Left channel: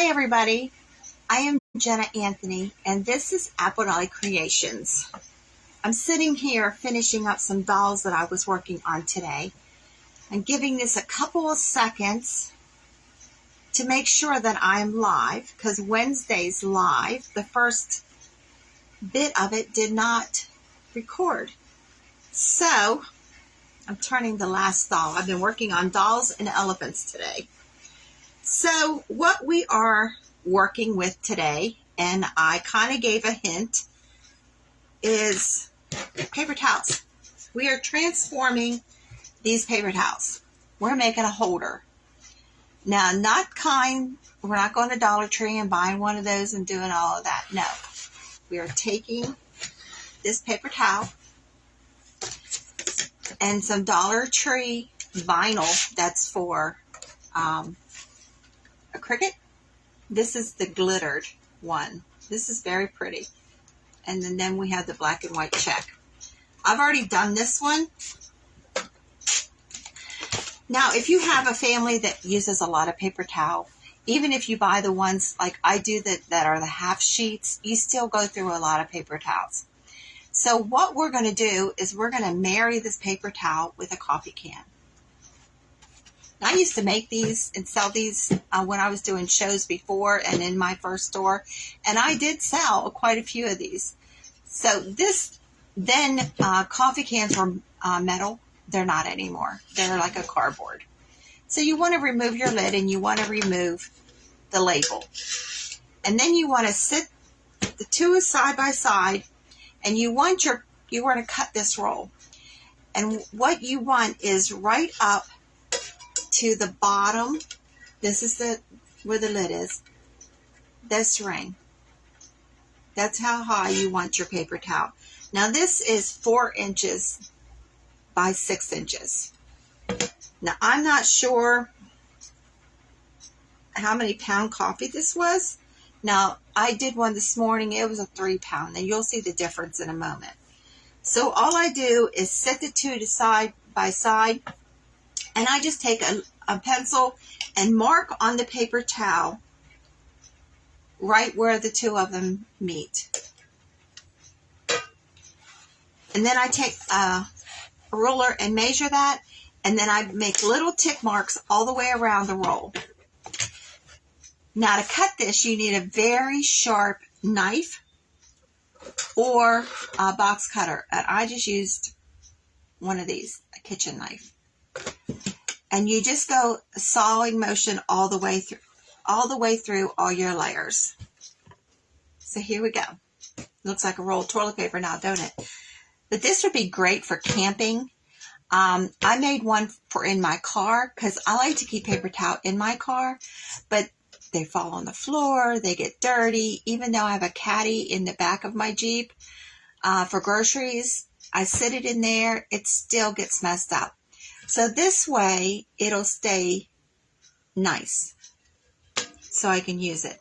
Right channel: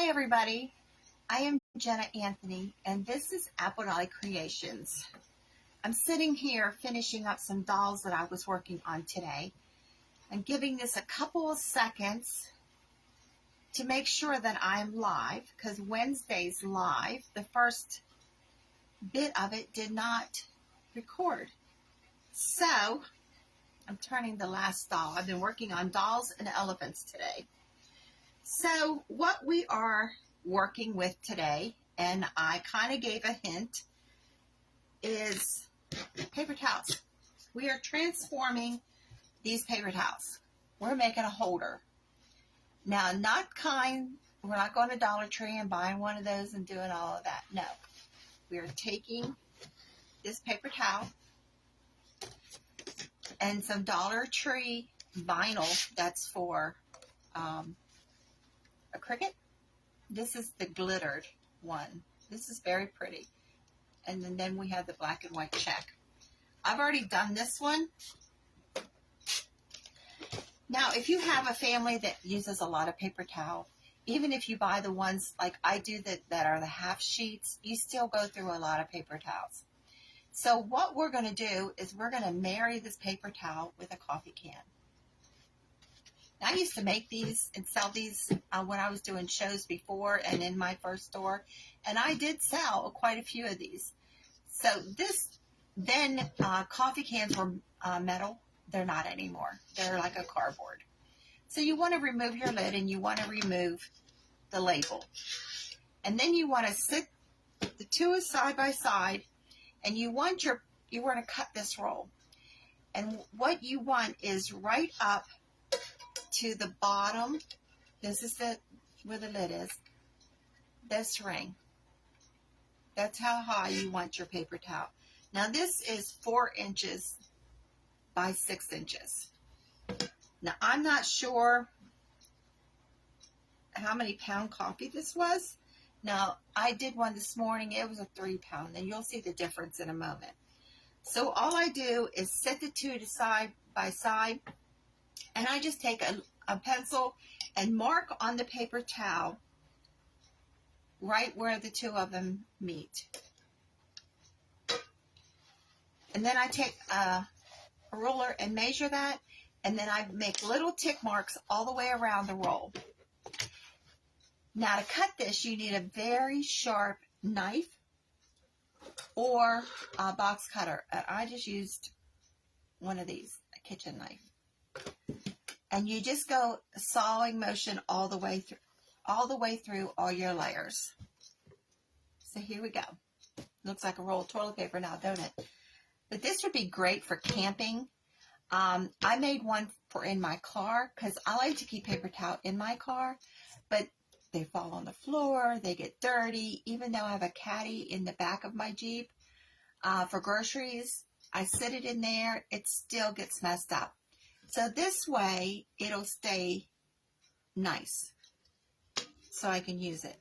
Hi everybody, I am Jenna Anthony and this is Apple Creations. I'm sitting here finishing up some dolls that I was working on today. I'm giving this a couple of seconds to make sure that I'm live because Wednesday's live. The first bit of it did not record. So I'm turning the last doll. I've been working on dolls and elephants today. So what we are working with today, and I kind of gave a hint, is paper towels. We are transforming these paper towels. We're making a holder. Now, we're not going to Dollar Tree and buying one of those and doing all of that. No. We are taking this paper towel and some Dollar Tree vinyl that's for a cricket. This is the glittered one. This is very pretty. And then we have the black and white check. I've already done this one. Now, if you have a family that uses a lot of paper towel, even if you buy the ones like I do that are the half sheets, you still go through a lot of paper towels. So what we're going to do is we're going to marry this paper towel with a coffee can. I used to make these and sell these when I was doing shows before and in my first store, and I did sell quite a few of these. So coffee cans were metal. They're not anymore. They're like a cardboard. So you want to remove your lid and you want to remove the label. And then you want to sit the two side by side, and you want to cut this roll. And what you want is right up to the bottom. This is where the lid is. This ring. That's how high you want your paper towel. Now this is 4 inches by 6 inches. Now I'm not sure how many pound coffee this was. Now I did one this morning. It was a 3 pound, and you'll see the difference in a moment. So all I do is set the two to side by side, and I just take a pencil and mark on the paper towel right where the two of them meet. And then I take a ruler and measure that, and then I make little tick marks all the way around the roll. Now to cut this, you need a very sharp knife or a box cutter. And I just used one of these, a kitchen knife. And you just go sawing motion all the way through all your layers. So here we go. Looks like a roll of toilet paper now, don't it? But this would be great for camping. I made one for in my car because I like to keep paper towel in my car, but they fall on the floor, they get dirty. Even though I have a caddy in the back of my Jeep for groceries, I sit it in there, it still gets messed up. So this way, it'll stay nice, so I can use it.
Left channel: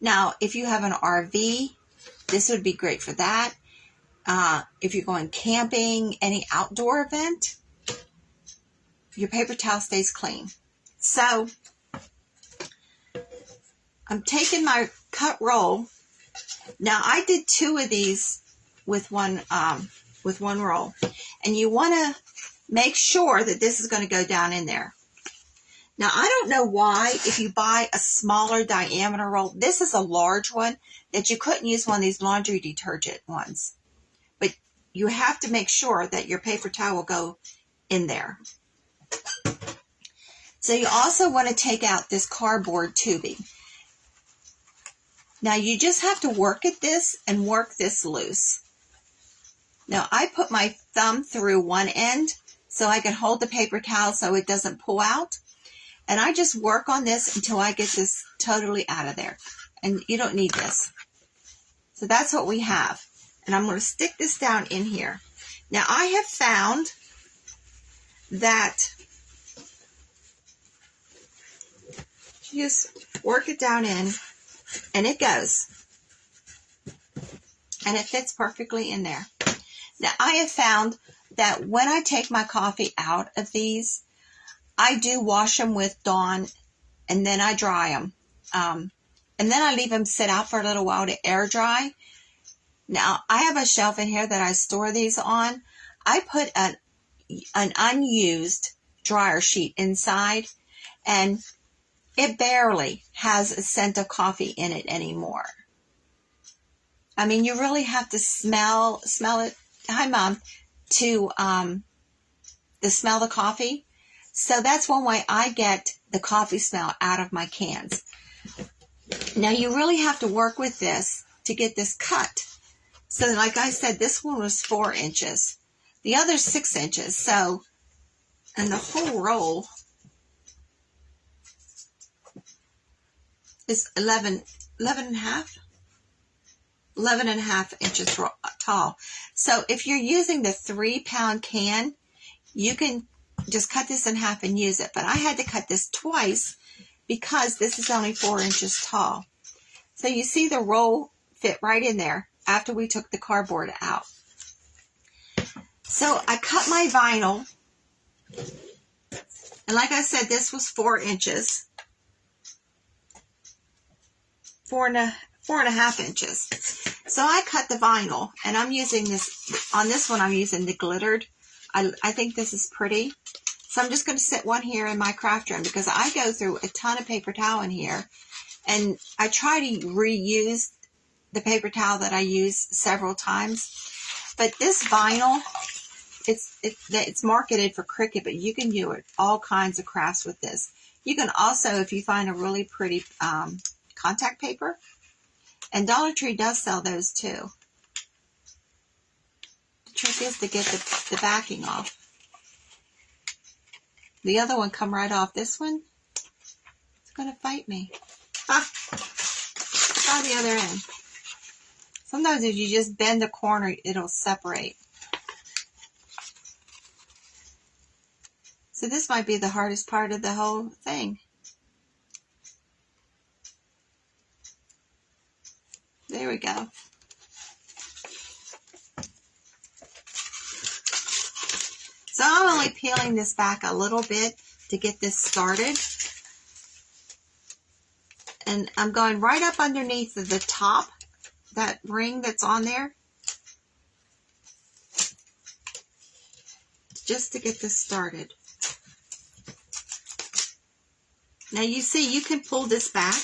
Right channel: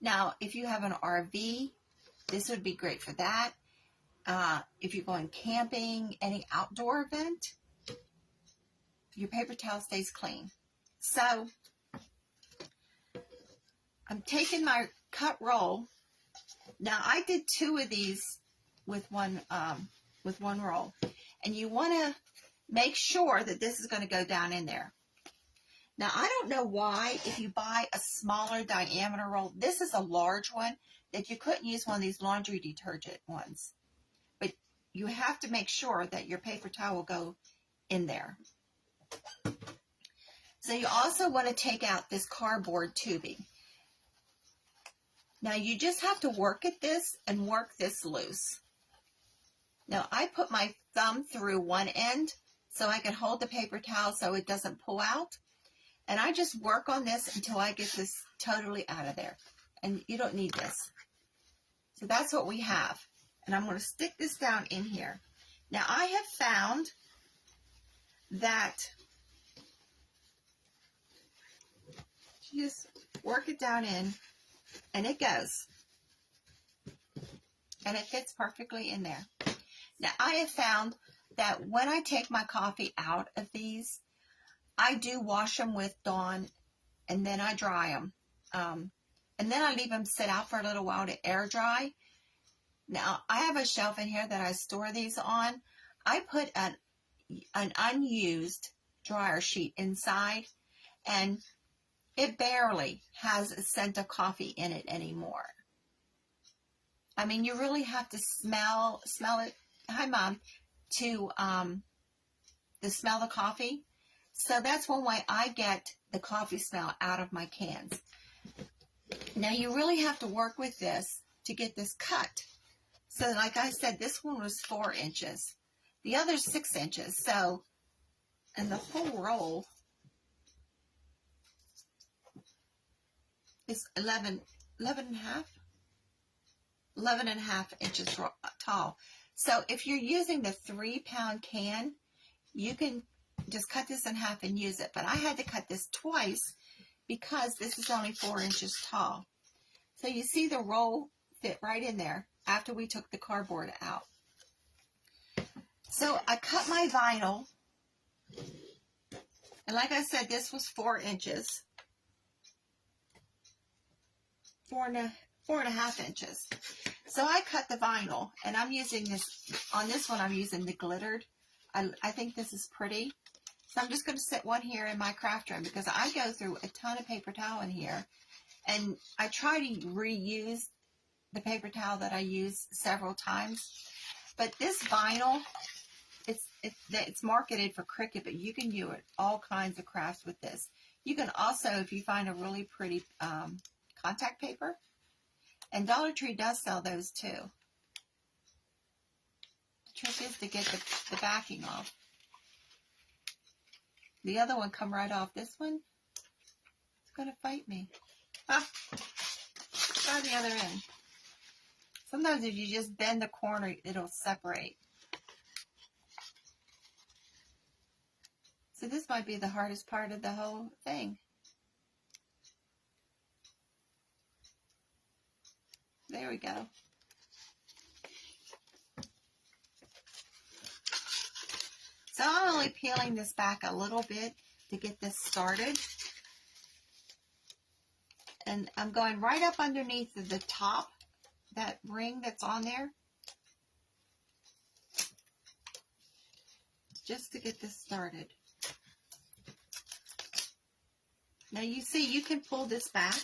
Now, if you have an RV, this would be great for that. If you're going camping, any outdoor event, your paper towel stays clean. So, I'm taking my cut roll. Now, I did 2 of these with one roll, and you want to make sure that this is going to go down in there. Now, I don't know why, if you buy a smaller diameter roll, this is a large one, that you couldn't use one of these laundry detergent ones. But you have to make sure that your paper towel will go in there. So you also want to take out this cardboard tubing. Now, you just have to work at this and work this loose. Now, I put my thumb through one end so I can hold the paper towel so it doesn't pull out. And I just work on this until I get this totally out of there. And you don't need this. So that's what we have. And I'm going to stick this down in here. Now, I have found that you just work it down in, and it goes. And it fits perfectly in there. Now, I have found that when I take my coffee out of these, I do wash them with Dawn, and then I dry them. and then I leave them sit out for a little while to air dry. Now, I have a shelf in here that I store these on. I put an unused dryer sheet inside, and it barely has a scent of coffee in it anymore. I mean, you really have to smell it. Hi, Mom. To smell the coffee. So that's one way I get the coffee smell out of my cans. Now, you really have to work with this to get this cut. So like I said, this one was 4 inches. The other 6 inches. So, and the whole roll is 11 and a half inches tall. So if you're using the 3-pound can, you can just cut this in half and use it. But I had to cut this twice because this is only 4 inches tall. So you see the roll fit right in there after we took the cardboard out. So I cut my vinyl, and like I said, this was 4 inches, 4.5 inches. So I cut the vinyl, and I'm using this, on this one I'm using the glittered. I think this is pretty. So I'm just going to sit one here in my craft room because I go through a ton of paper towel in here, and I try to reuse the paper towel that I use several times. But this vinyl, it's marketed for Cricut, but you can do it all kinds of crafts with this. You can also, if you find a really pretty contact paper, and Dollar Tree does sell those too. The trick is to get the backing off. The other one come right off. This one, it's going to fight me. Ah, try the other end. Sometimes if you just bend the corner, it'll separate. So this might be the hardest part of the whole thing. There we go. So I'm only peeling this back a little bit to get this started. And I'm going right up underneath the top, that ring that's on there, just to get this started. Now you see, you can pull this back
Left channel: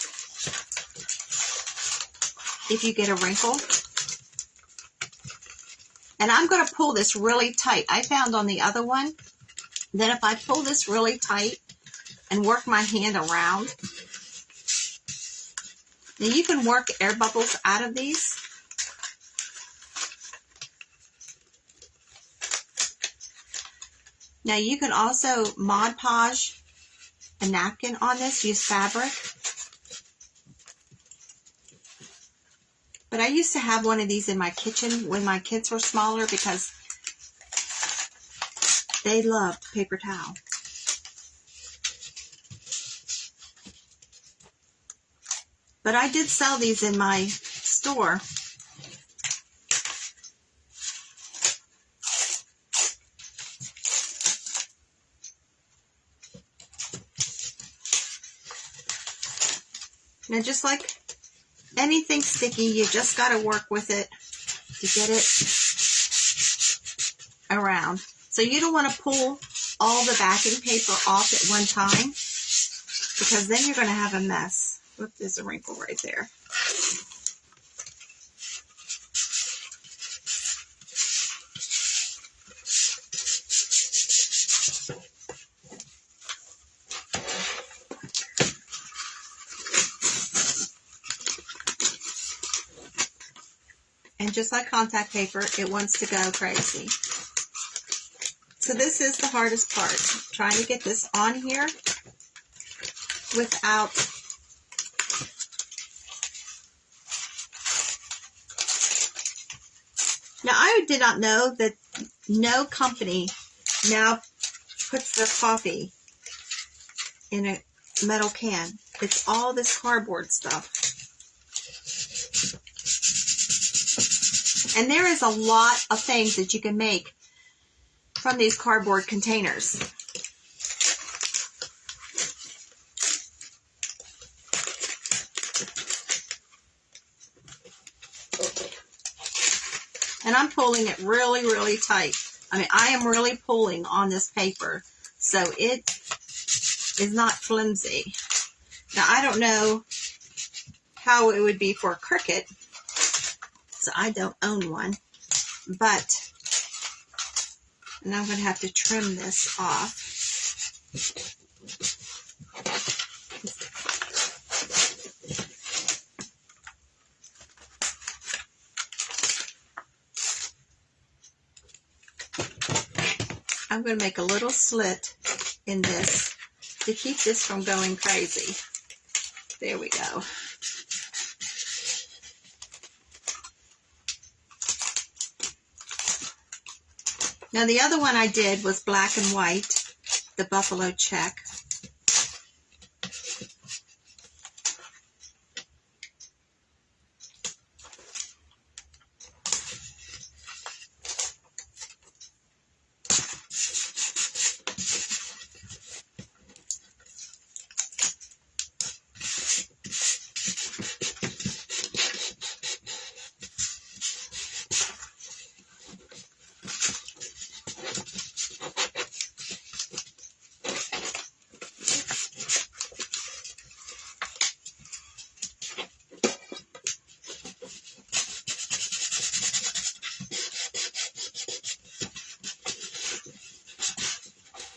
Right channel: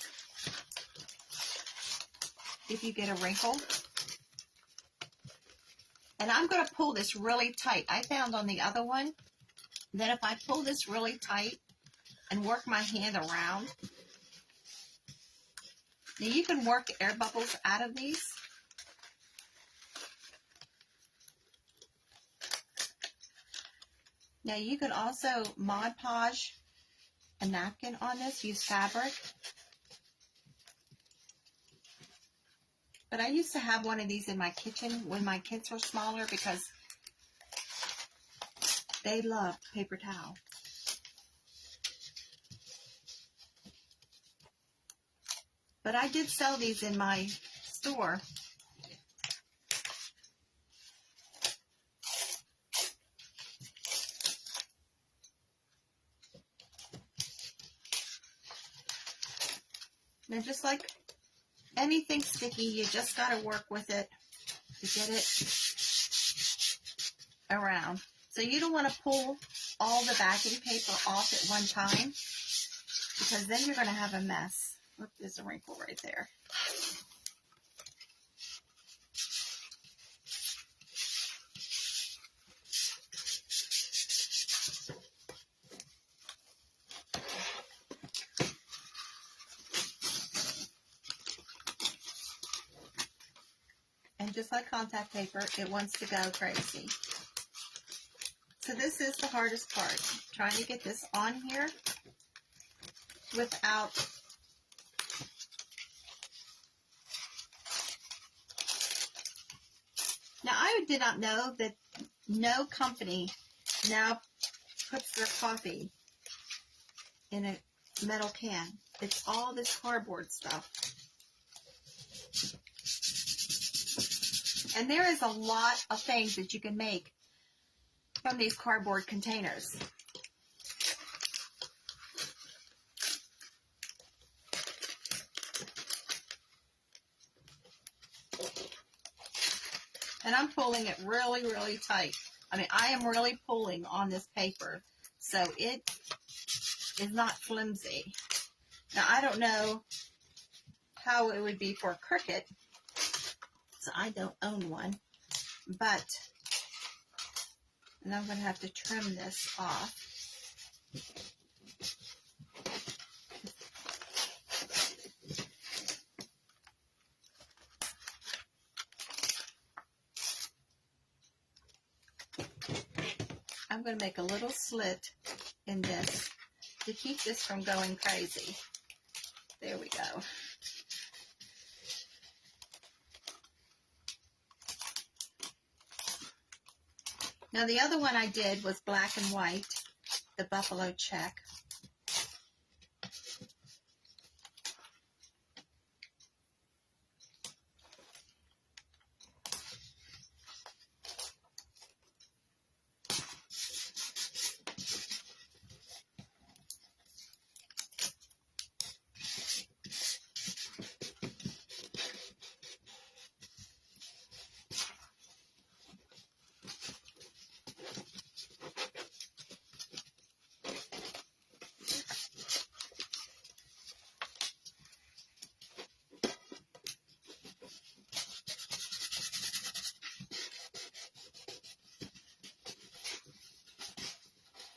if you get a wrinkle. And I'm going to pull this really tight. I found on the other one that if I pull this really tight and work my hand around, now you can work air bubbles out of these. Now you can also Mod Podge a napkin on this, use fabric. But I used to have one of these in my kitchen when my kids were smaller because they loved paper towel. But I did sell these in my store. Now, just like anything sticky, you just got to work with it to get it around. So you don't want to pull all the backing paper off at one time because then you're going to have a mess. Look, there's a wrinkle right there. And just like contact paper, it wants to go crazy. So this is the hardest part, trying to get this on here without Now, I did not know that no company now puts their coffee in a metal can. It's all this cardboard stuff. And there is a lot of things that you can make from these cardboard containers. And I'm pulling it really, really tight. I mean, I am really pulling on this paper, so it is not flimsy. Now, I don't know how it would be for a Cricut, so I don't own one, but, and I'm going to have to trim this off. I'm going to make a little slit in this to keep this from going crazy. There we go. Now the other one I did was black and white, the buffalo check.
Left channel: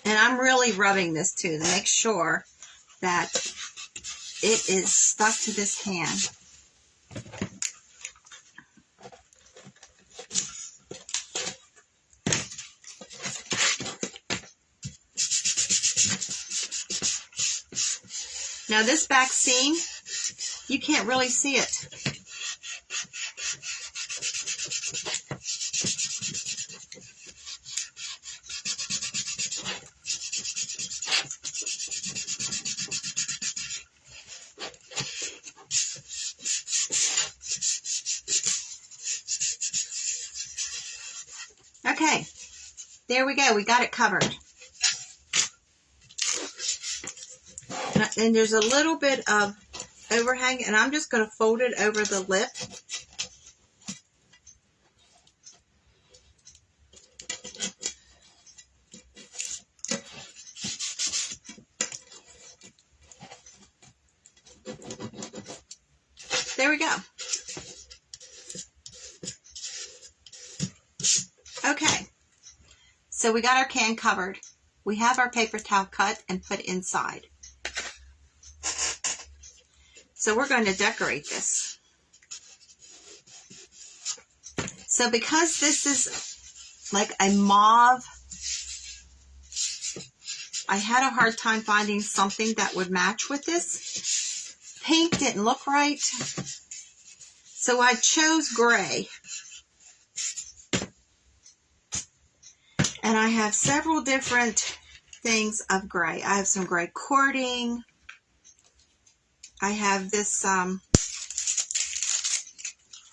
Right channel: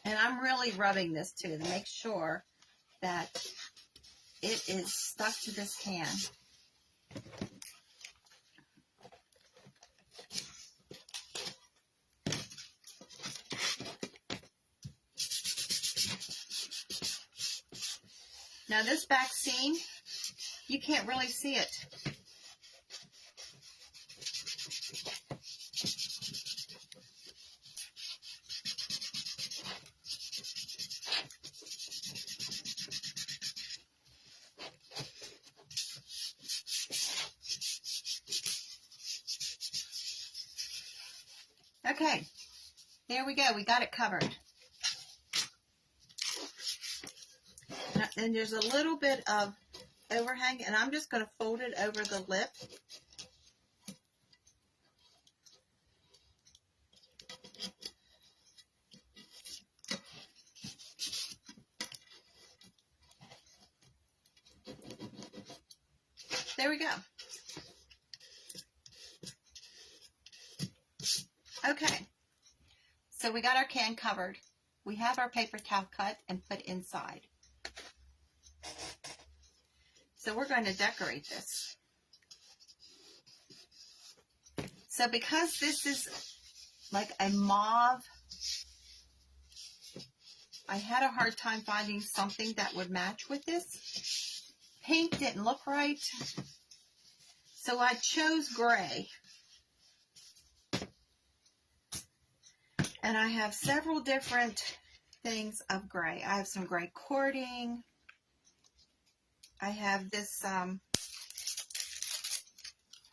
And I'm really rubbing this too to make sure that it is stuck to this hand. Now this back seam, you can't really see it. Okay, there we go. We got it covered. And there's a little bit of overhang, and I'm just going to fold it over the lip. There we go. Okay, so we got our can covered. We have our paper towel cut and put inside. So we're going to decorate this. So because this is like a mauve, I had a hard time finding something that would match with this. Pink didn't look right, so I chose gray. And I have several different things of gray. I have some gray cording. I have this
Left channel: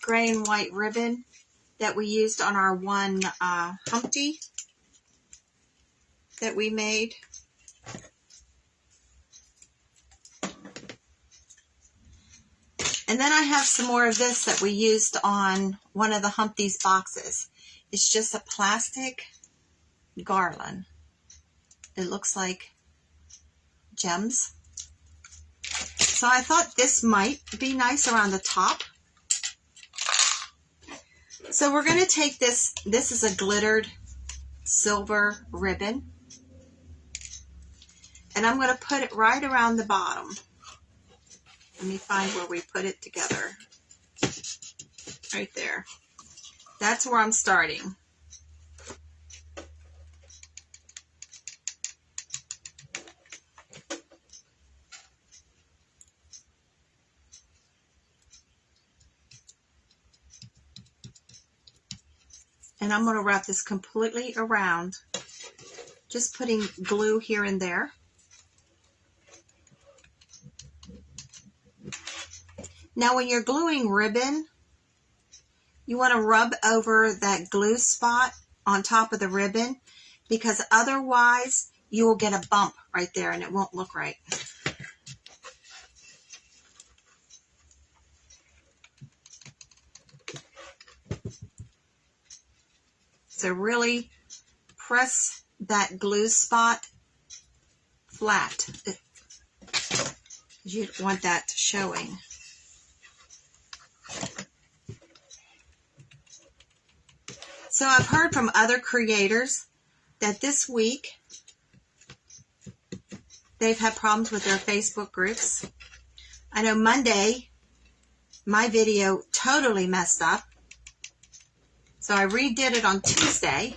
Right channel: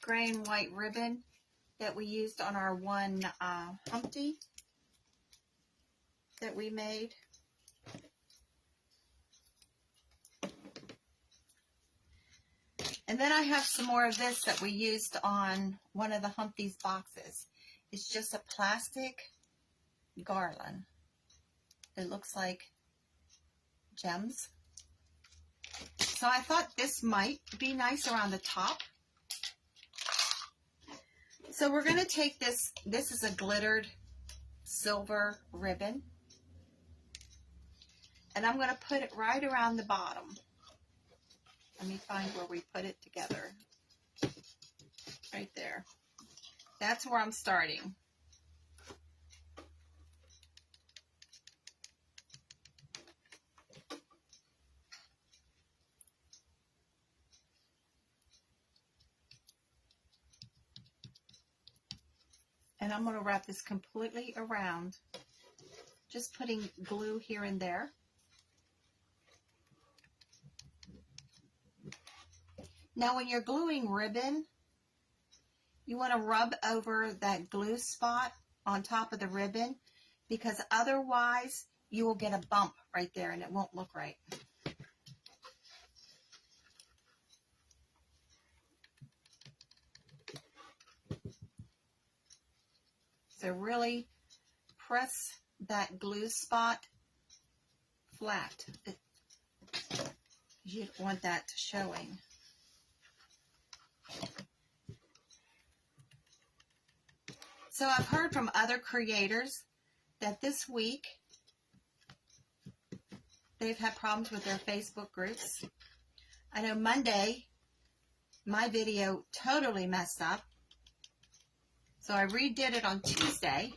gray and white ribbon that we used on our one Humpty that we made. And then I have some more of this that we used on one of the Humpty's boxes. It's just a plastic garland. It looks like gems. So I thought this might be nice around the top. So we're going to take this. This is a glittered silver ribbon. And I'm going to put it right around the bottom. Let me find where we put it together. Right there. That's where I'm starting. And I'm going to wrap this completely around, just putting glue here and there. Now when you're gluing ribbon, you want to rub over that glue spot on top of the ribbon, because otherwise you will get a bump right there and it won't look right. So really press that glue spot flat. You don't want that showing. So I've heard from other creators that this week they've had problems with their Facebook groups. I know Monday my video totally messed up. So I redid it on Tuesday.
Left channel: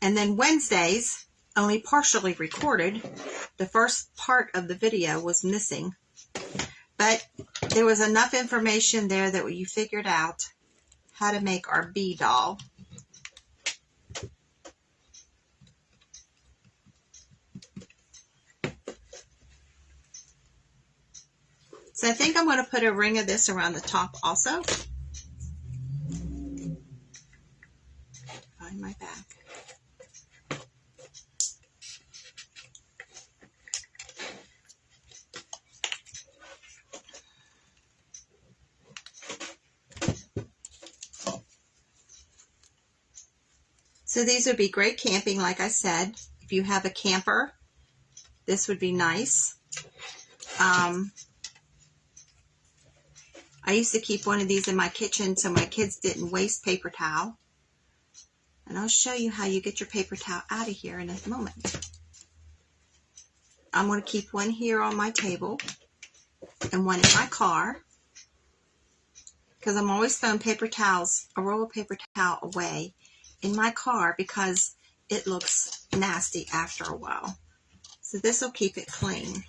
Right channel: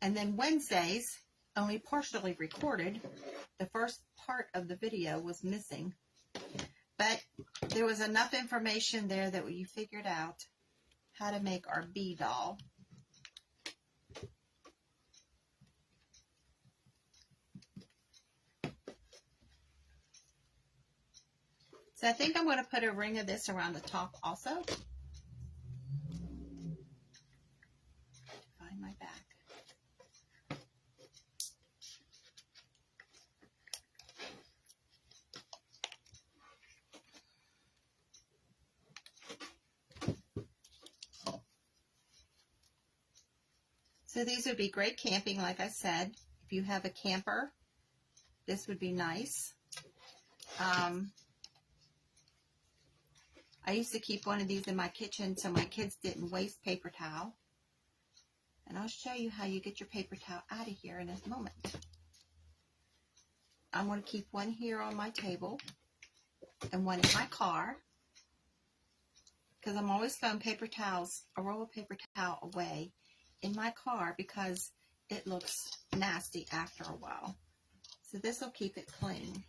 And then Wednesdays, only partially recorded. The first part of the video was missing. But there was enough information there that you figured out how to make our bee doll. So I think I'm going to put a ring of this around the top also. Find my back. So these would be great camping, like I said. If you have a camper, this would be nice. I used to keep one of these in my kitchen so my kids didn't waste paper towel. And I'll show you how you get your paper towel out of here in a moment. I'm going to keep one here on my table and one in my car, because I'm always throwing paper towels, a roll of paper towel away in my car because it looks nasty after a while. So this will keep it clean.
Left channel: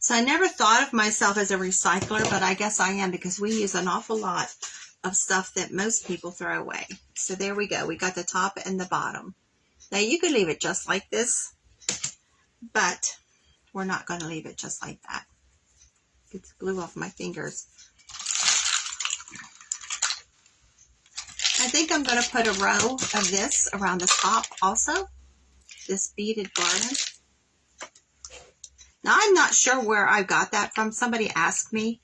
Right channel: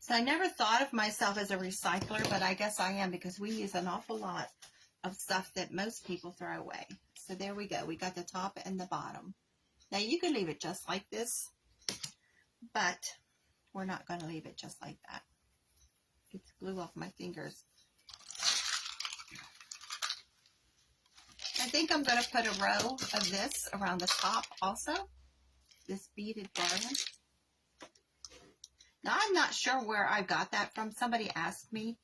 So I never thought of myself as a recycler, but I guess I am, because we use an awful lot of stuff that most people throw away. So there we go. We got the top and the bottom. Now you could leave it just like this, but we're not going to leave it just like that. Get the glue off my fingers. I think I'm going to put a row of this around the top also, this beaded garland. Now, I'm not sure where I got that from. Somebody asked me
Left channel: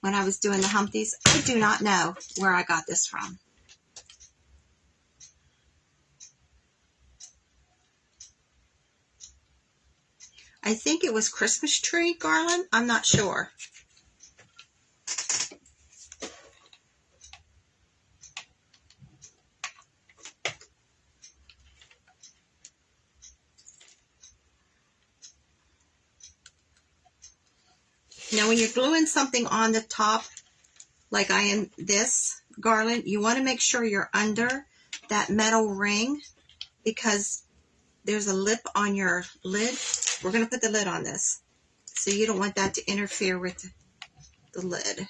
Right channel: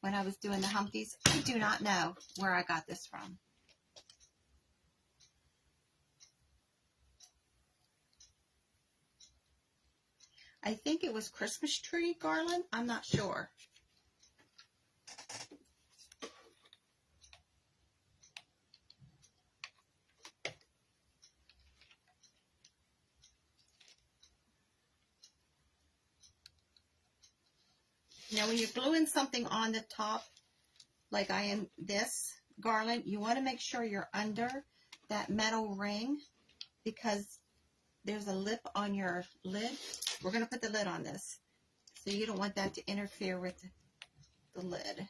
when I was doing the Humpties. I do not know where I got this from. I think it was Christmas tree garland. I'm not sure. Now, when you're gluing something on the top, like I am this garland, you want to make sure you're under that metal ring, because there's a lip on your lid. We're going to put the lid on this, so you don't want that to interfere with the lid.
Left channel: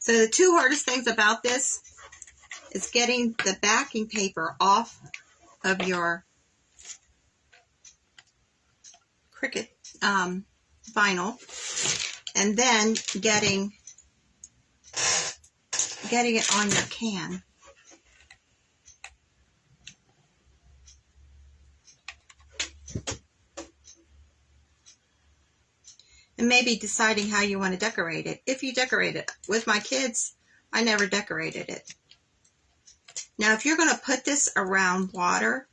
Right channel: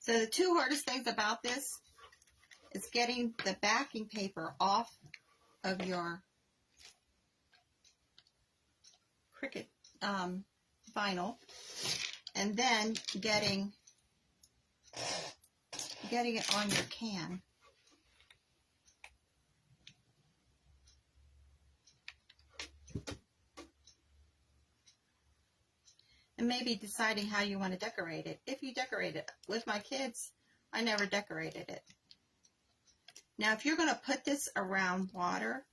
So the two hardest things about this is getting the backing paper off of your Cricut vinyl, and then getting it on your can. And maybe deciding how you want to decorate it. If you decorate it. With my kids, I never decorated it. Now, if you're going to put this around water,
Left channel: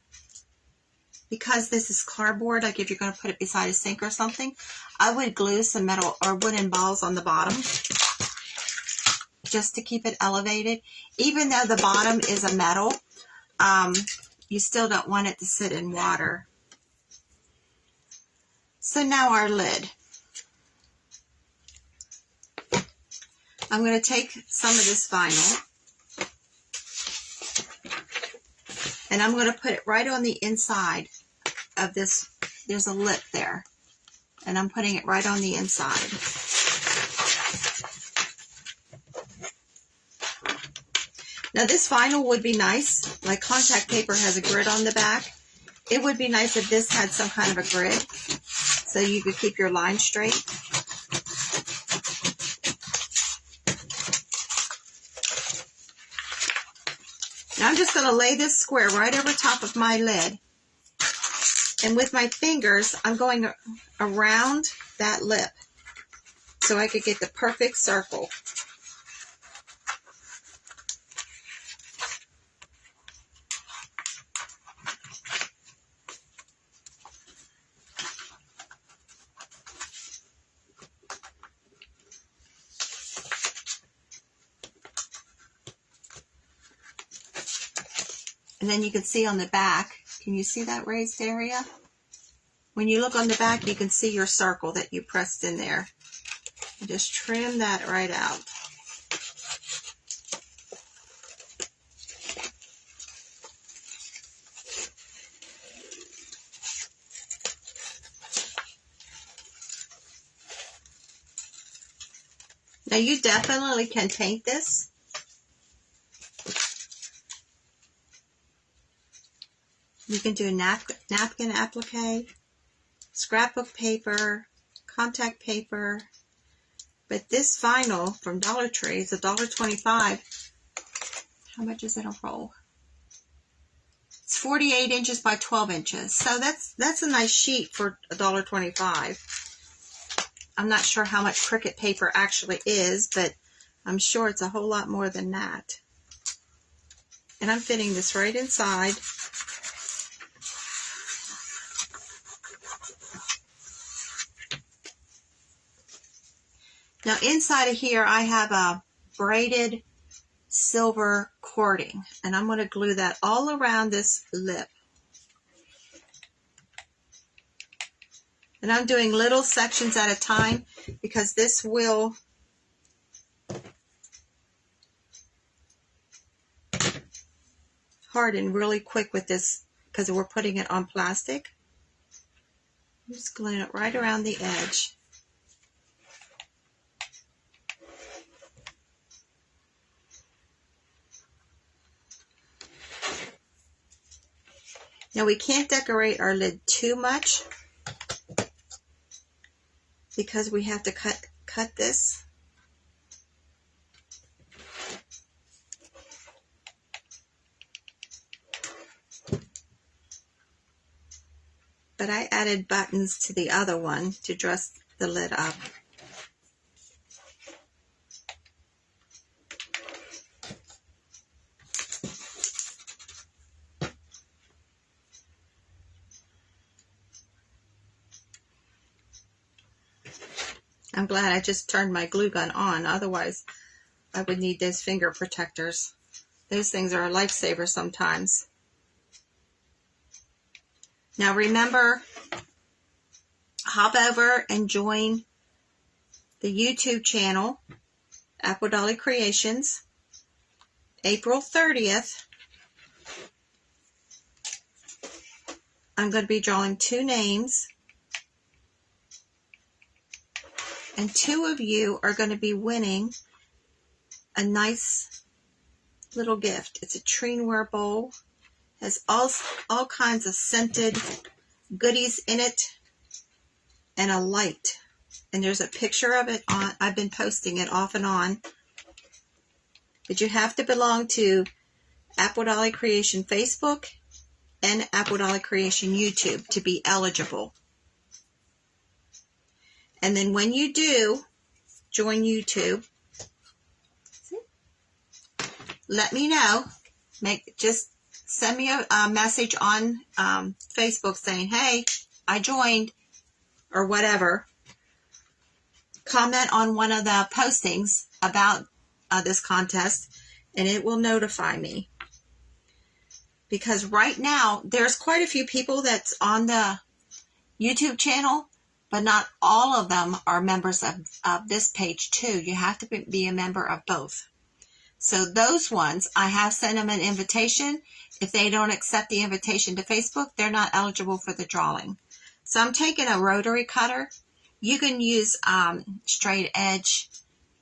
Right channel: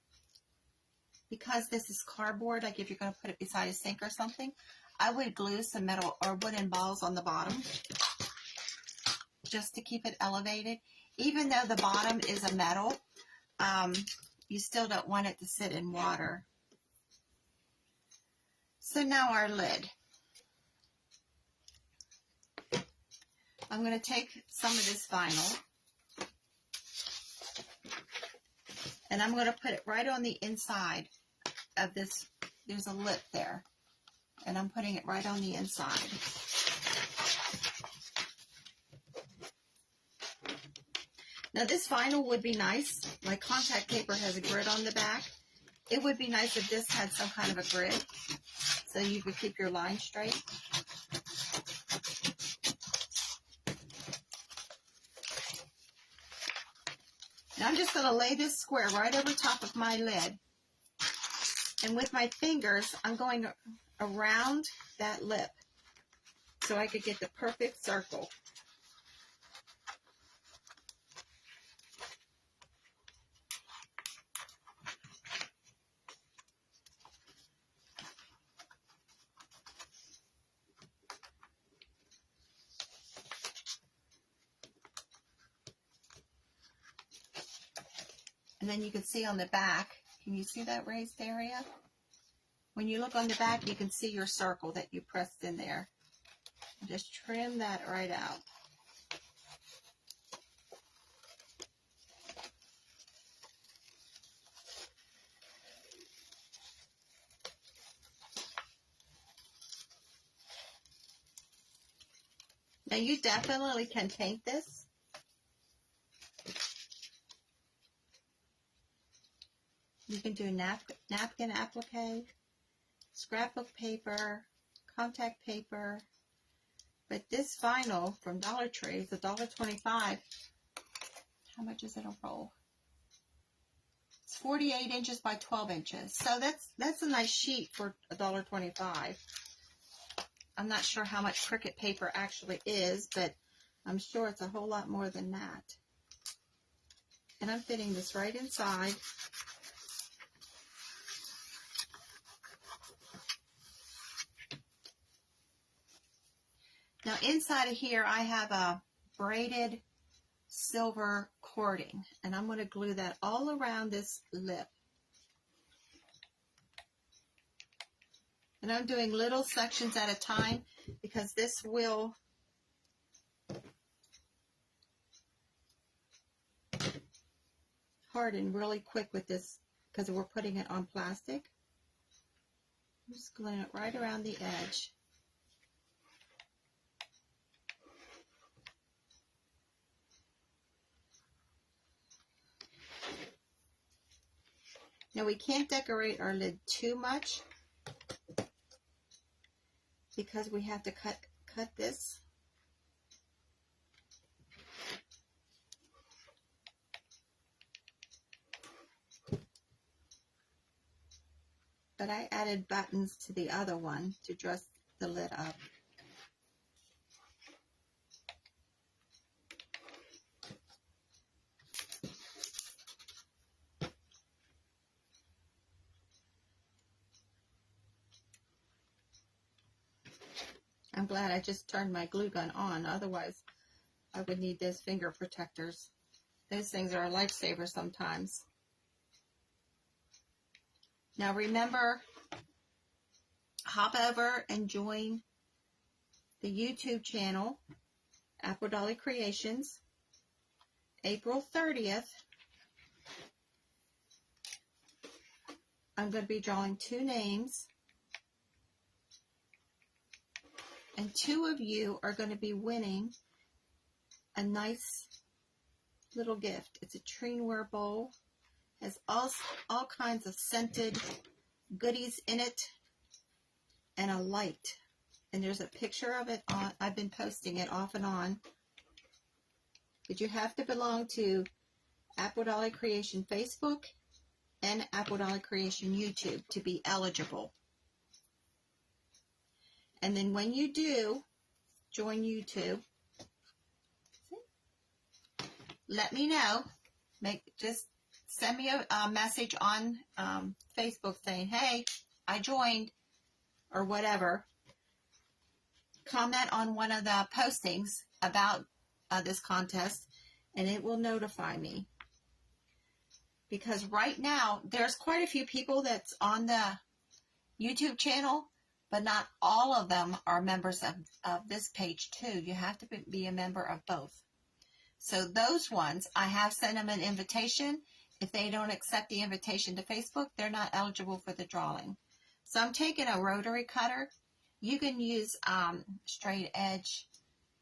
because this is cardboard, like if you're going to put it beside a sink or something, I would glue some metal or wooden balls on the bottom just to keep it elevated. Even though the bottom is a metal, you still don't want it to sit in water. So now our lid. I'm going to take some of this vinyl and I'm going to put it right on the inside of this. There's a lip there, and I'm putting it right on the inside. Now this vinyl would be nice, like contact paper has a grid on the back. It would be nice if this had some kind of a grid so you could keep your line straight. Now I'm just going to lay this square right over top of my lid. And with my fingers, I'm going around that lip so I could get the perfect circle. And then you can see on the back, can you see that raised area? When you look on the back, you can see your circle that you pressed in there. And just trim that right out. Now you definitely can paint this. You can do napkin applique, scrapbook paper, contact paper. But this vinyl from Dollar Tree is $1.25. How much is it a roll? It's 48 inches by 12 inches. So that's a nice sheet for $1.25. I'm not sure how much Cricut paper actually is, but I'm sure it's a whole lot more than that. And I'm fitting this right inside. Now inside of here I have a braided silver cording, and I'm going to glue that all around this lip. And I'm doing little sections at a time because this will harden really quick with this because we're putting it on plastic. I'm just gluing it right around the edge. Now we can't decorate our lid too much because we have to cut this. But I added buttons to the other one to dress the lid up. I'm glad I just turned my glue gun on, otherwise I would need those finger protectors. Those things are a lifesaver sometimes. Now remember, hop over and join the YouTube channel, Apple Dolly Creations, April 30th. I'm going to be drawing 2 names. And 2 of you are going to be winning a nice little gift. It's a Treenware bowl. Has all kinds of scented goodies in it and a light. And there's a picture of it on. I've been posting it off and on. But you have to belong to Apple Dolly Creation Facebook and Apple Dolly Creation YouTube to be eligible. And then when you do join YouTube, let me know. Just send me a message on Facebook saying, hey, I joined, or whatever. Comment on one of the postings about this contest, and it will notify me. Because right now, there's quite a few people that's on the YouTube channel, but not all of them are members of this page too. You have to be a member of both. So those ones, I have sent them an invitation. If they don't accept the invitation to Facebook, they're not eligible for the drawing. So I'm taking a rotary cutter. You can use straight edge,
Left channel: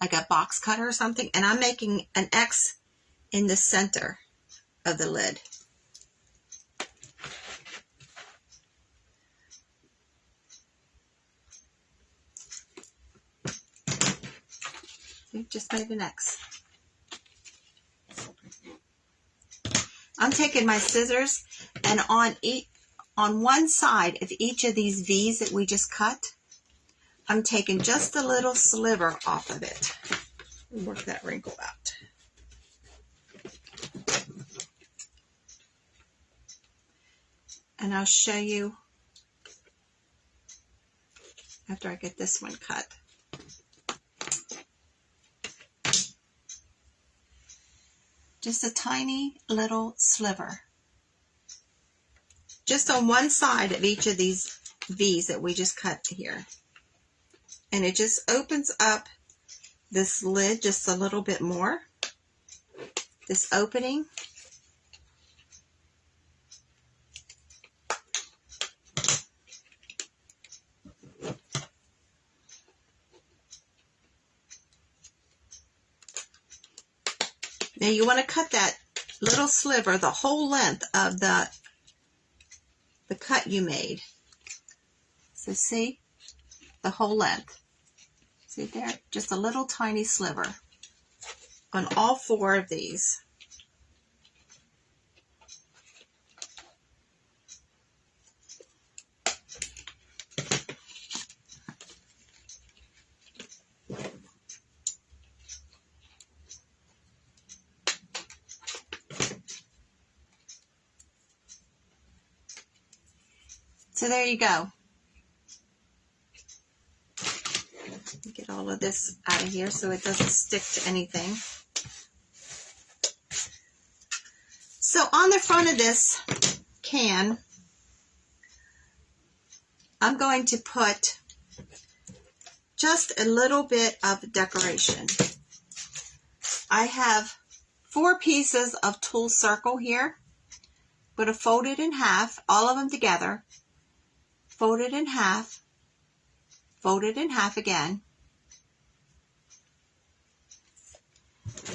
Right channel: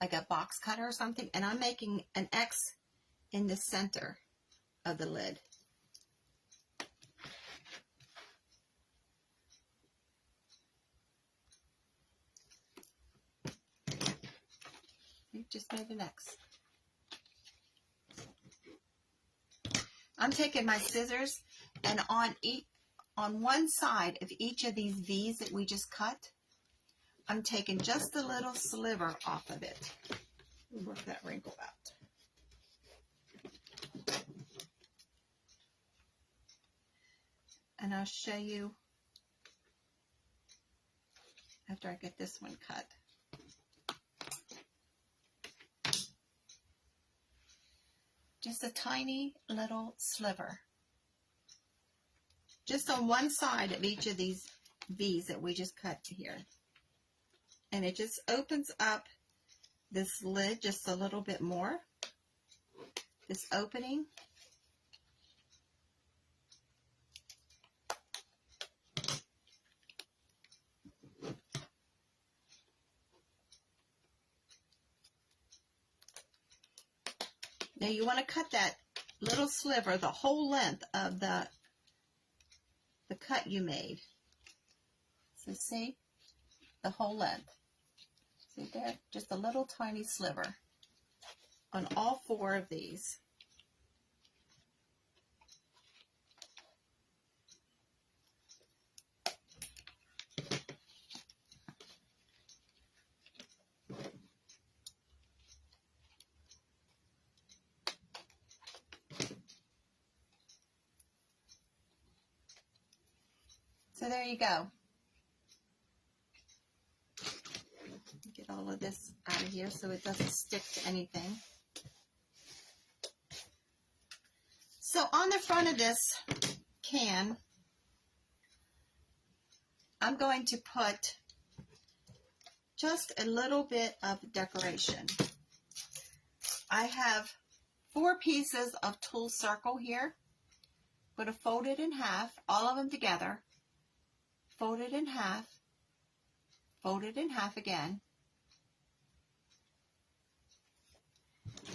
like a box cutter or something, and I'm making an X in the center of the lid. We've just made an X. I'm taking my scissors, and on one side of each of these V's that we just cut, I'm taking just a little sliver off of it. Work that wrinkle out. And I'll show you after I get this one cut. Just a tiny little sliver. Just on one side of each of these V's that we just cut here. And it just opens up this lid just a little bit more. This opening. Now you want to cut that little sliver the whole length of the cut you made. So see, the whole length. See there? Just a little tiny sliver on all 4 of these. So there you go. Get all of this out of here so it doesn't stick to anything. So on the front of this can, I'm going to put just a little bit of decoration. I have 4 pieces of tulle circle here. I'm going to fold it in half, all of them together. Fold it in half, fold it in half again.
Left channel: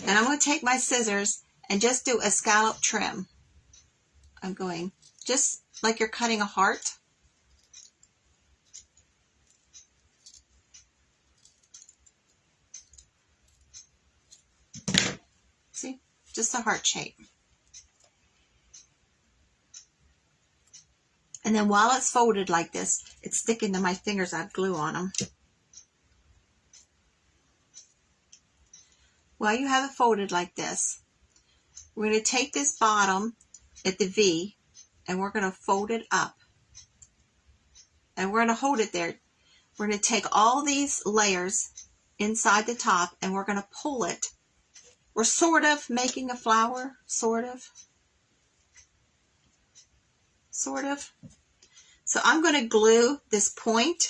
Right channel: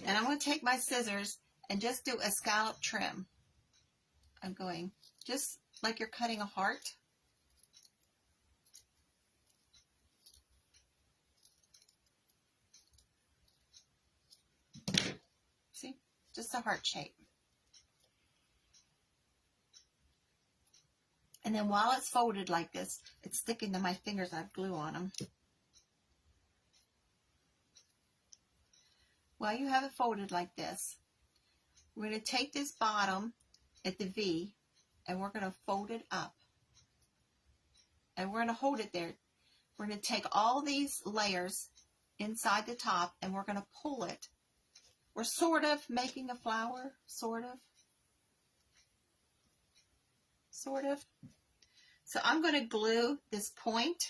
And I'm going to take my scissors and just do a scallop trim. I'm going just like you're cutting a heart. See, just a heart shape. And then while it's folded like this, it's sticking to my fingers. I have glue on them. While you have it folded like this, we're going to take this bottom at the V and we're going to fold it up. And we're going to hold it there. We're going to take all these layers inside the top and we're going to pull it. We're sort of making a flower, sort of. Sort of. So I'm going to glue this point.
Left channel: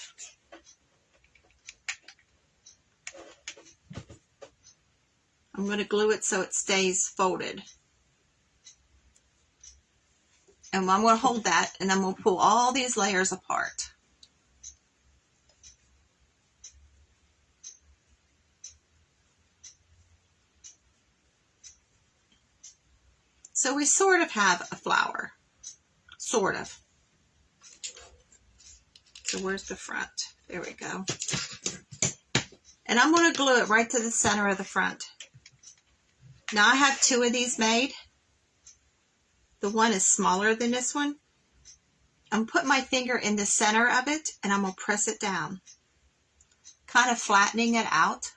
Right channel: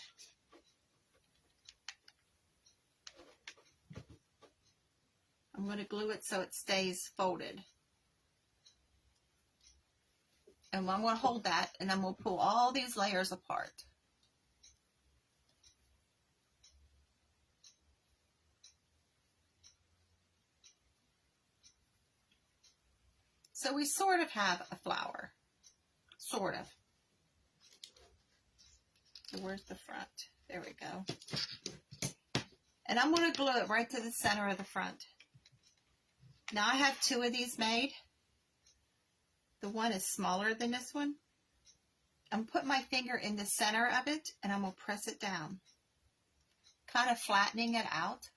I'm going to glue it so it stays folded. And I'm going to hold that and then we'll pull all these layers apart. So we sort of have a flower. Sort of. So where's the front? There we go. And I'm going to glue it right to the center of the front. Now I have 2 of these made. The one is smaller than this one. I'm putting my finger in the center of it and I'm going to press it down. Kind of flattening it out.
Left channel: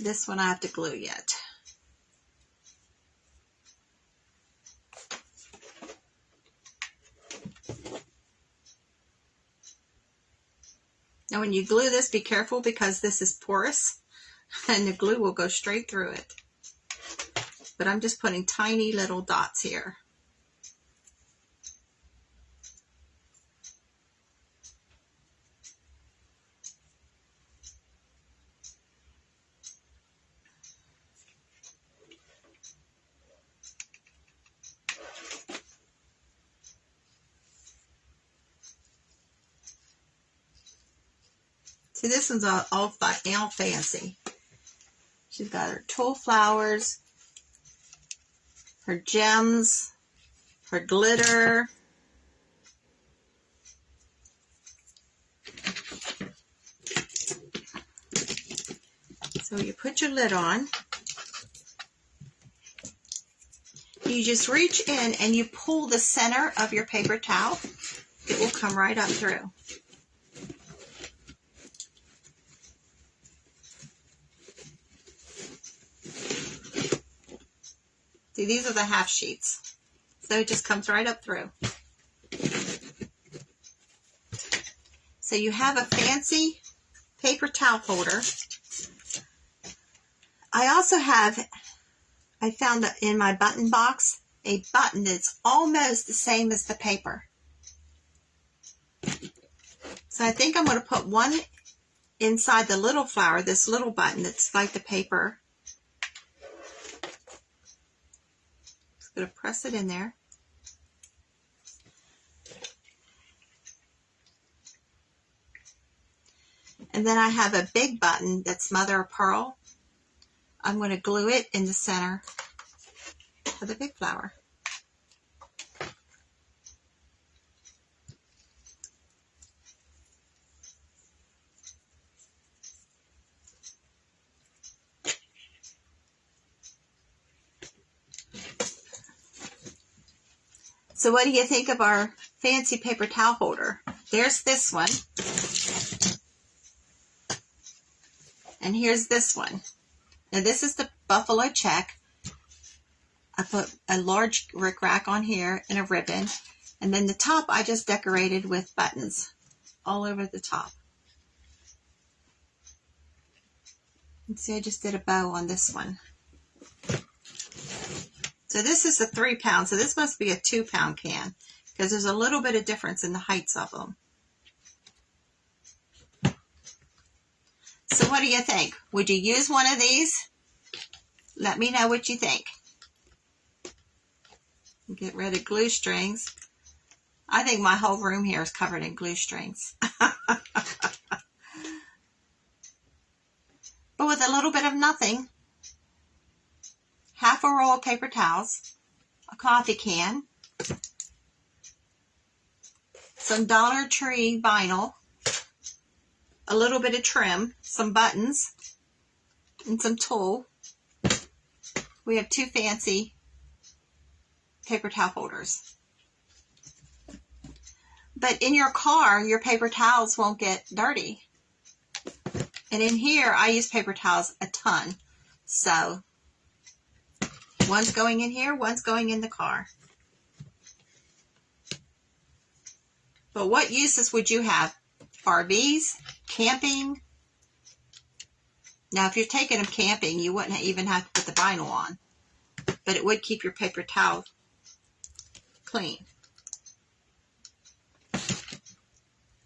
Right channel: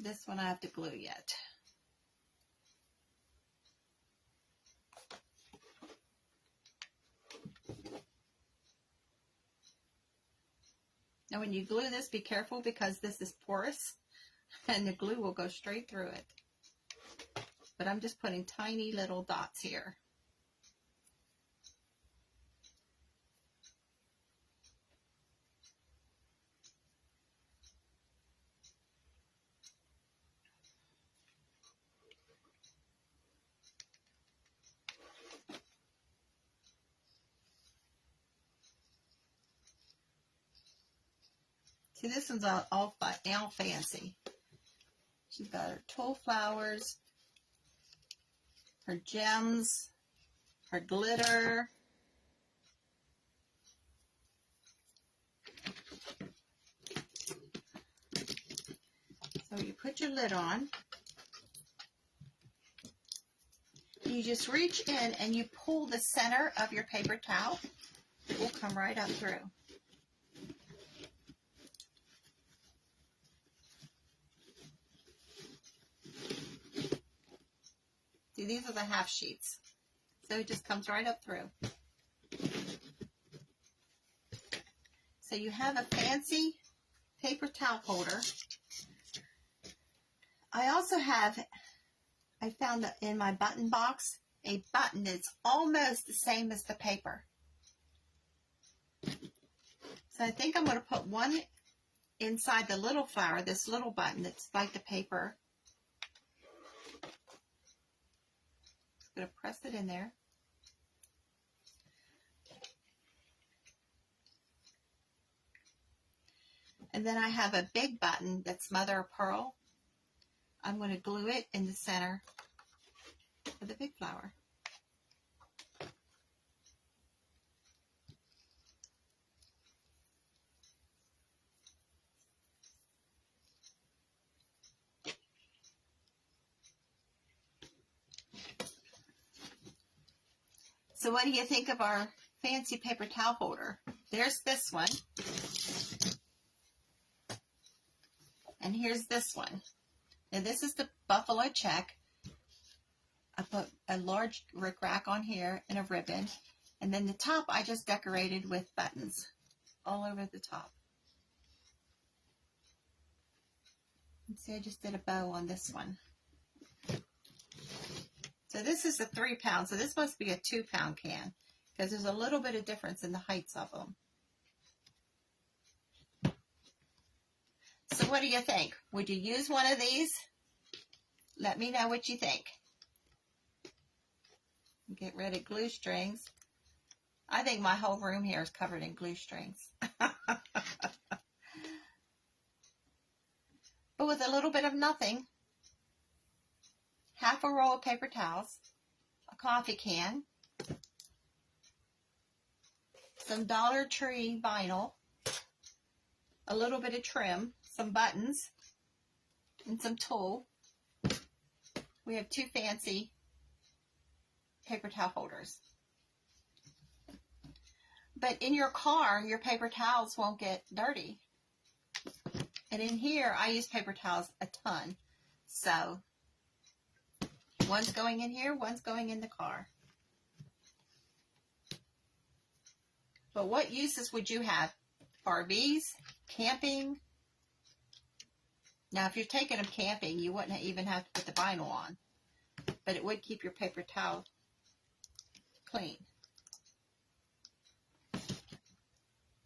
This one I have to glue yet. Now when you glue this, be careful because this is porous and the glue will go straight through it. but I'm just putting tiny little dots here. See, this one's all fancy. She's got her tulle flowers, her gems, her glitter. So you put your lid on. You just reach in and you pull the center of your paper towel. It will come right up through. See, these are the half sheets. So it just comes right up through. So you have a fancy paper towel holder. I also have, I found in my button box, a button that's almost the same as the paper. So I think I'm going to put one inside the little flower, this little button that's like the paper. Just going to press it in there. And then I have a big button that's mother of pearl. I'm going to glue it in the center of the big flower. So what do you think of our fancy paper towel holder? There's this one. And here's this one. Now this is the buffalo check. I put a large rickrack on here and a ribbon. And then the top I just decorated with buttons all over the top. And see, I just did a bow on this one. So this is a 3 pound, so this must be a 2 pound can because there's a little bit of difference in the heights of them. So what do you think? Would you use one of these? Let me know what you think. Get rid of glue strings. I think my whole room here is covered in glue strings. But with a little bit of nothing, half a roll of paper towels, a coffee can, some Dollar Tree vinyl, a little bit of trim, some buttons, and some tulle. We have 2 fancy paper towel holders. But in your car, your paper towels won't get dirty. And in here, I use paper towels a ton. So one's going in here, one's going in the car. But what uses would you have? RVs, camping. Now, if you're taking them camping, you wouldn't even have to put the vinyl on. But it would keep your paper towel clean.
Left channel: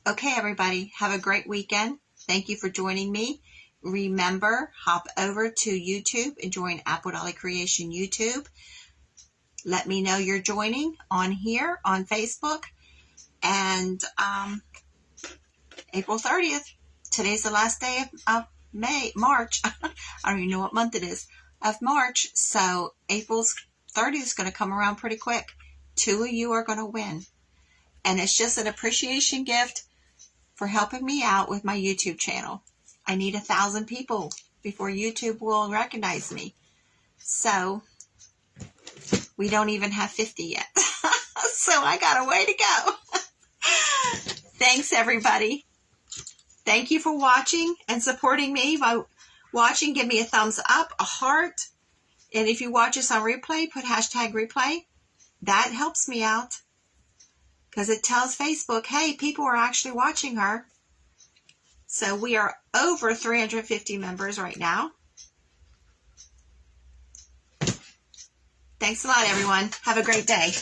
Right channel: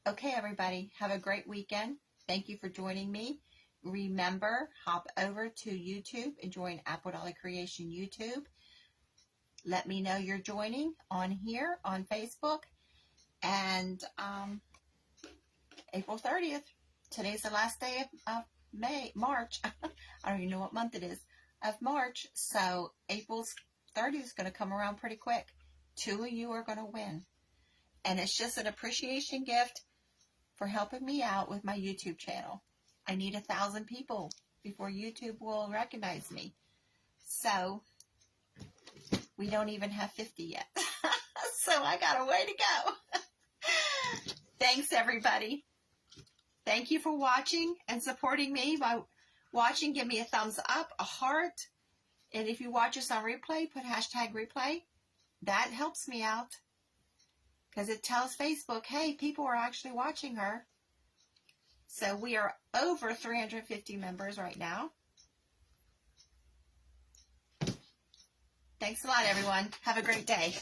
Okay, everybody, have a great weekend. Thank you for joining me. Remember, hop over to YouTube and join Apple Dolly Creation YouTube. Let me know you're joining on here on Facebook. And April 30th, today's the last day of March. I don't even know what month it is, of March. So April 30th is going to come around pretty quick. 2 of you are going to win. And it's just an appreciation gift for helping me out with my YouTube channel. I need 1,000 people before YouTube will recognize me. So we don't even have 50 yet. So I got a way to go. Thanks, everybody. Thank you for watching and supporting me by watching. Give me a thumbs up, a heart. And if you watch us on replay, put #replay. That helps me out because it tells Facebook, hey, people are actually watching her. So we are over 350 members right now. Thanks a lot, everyone. Have a great day.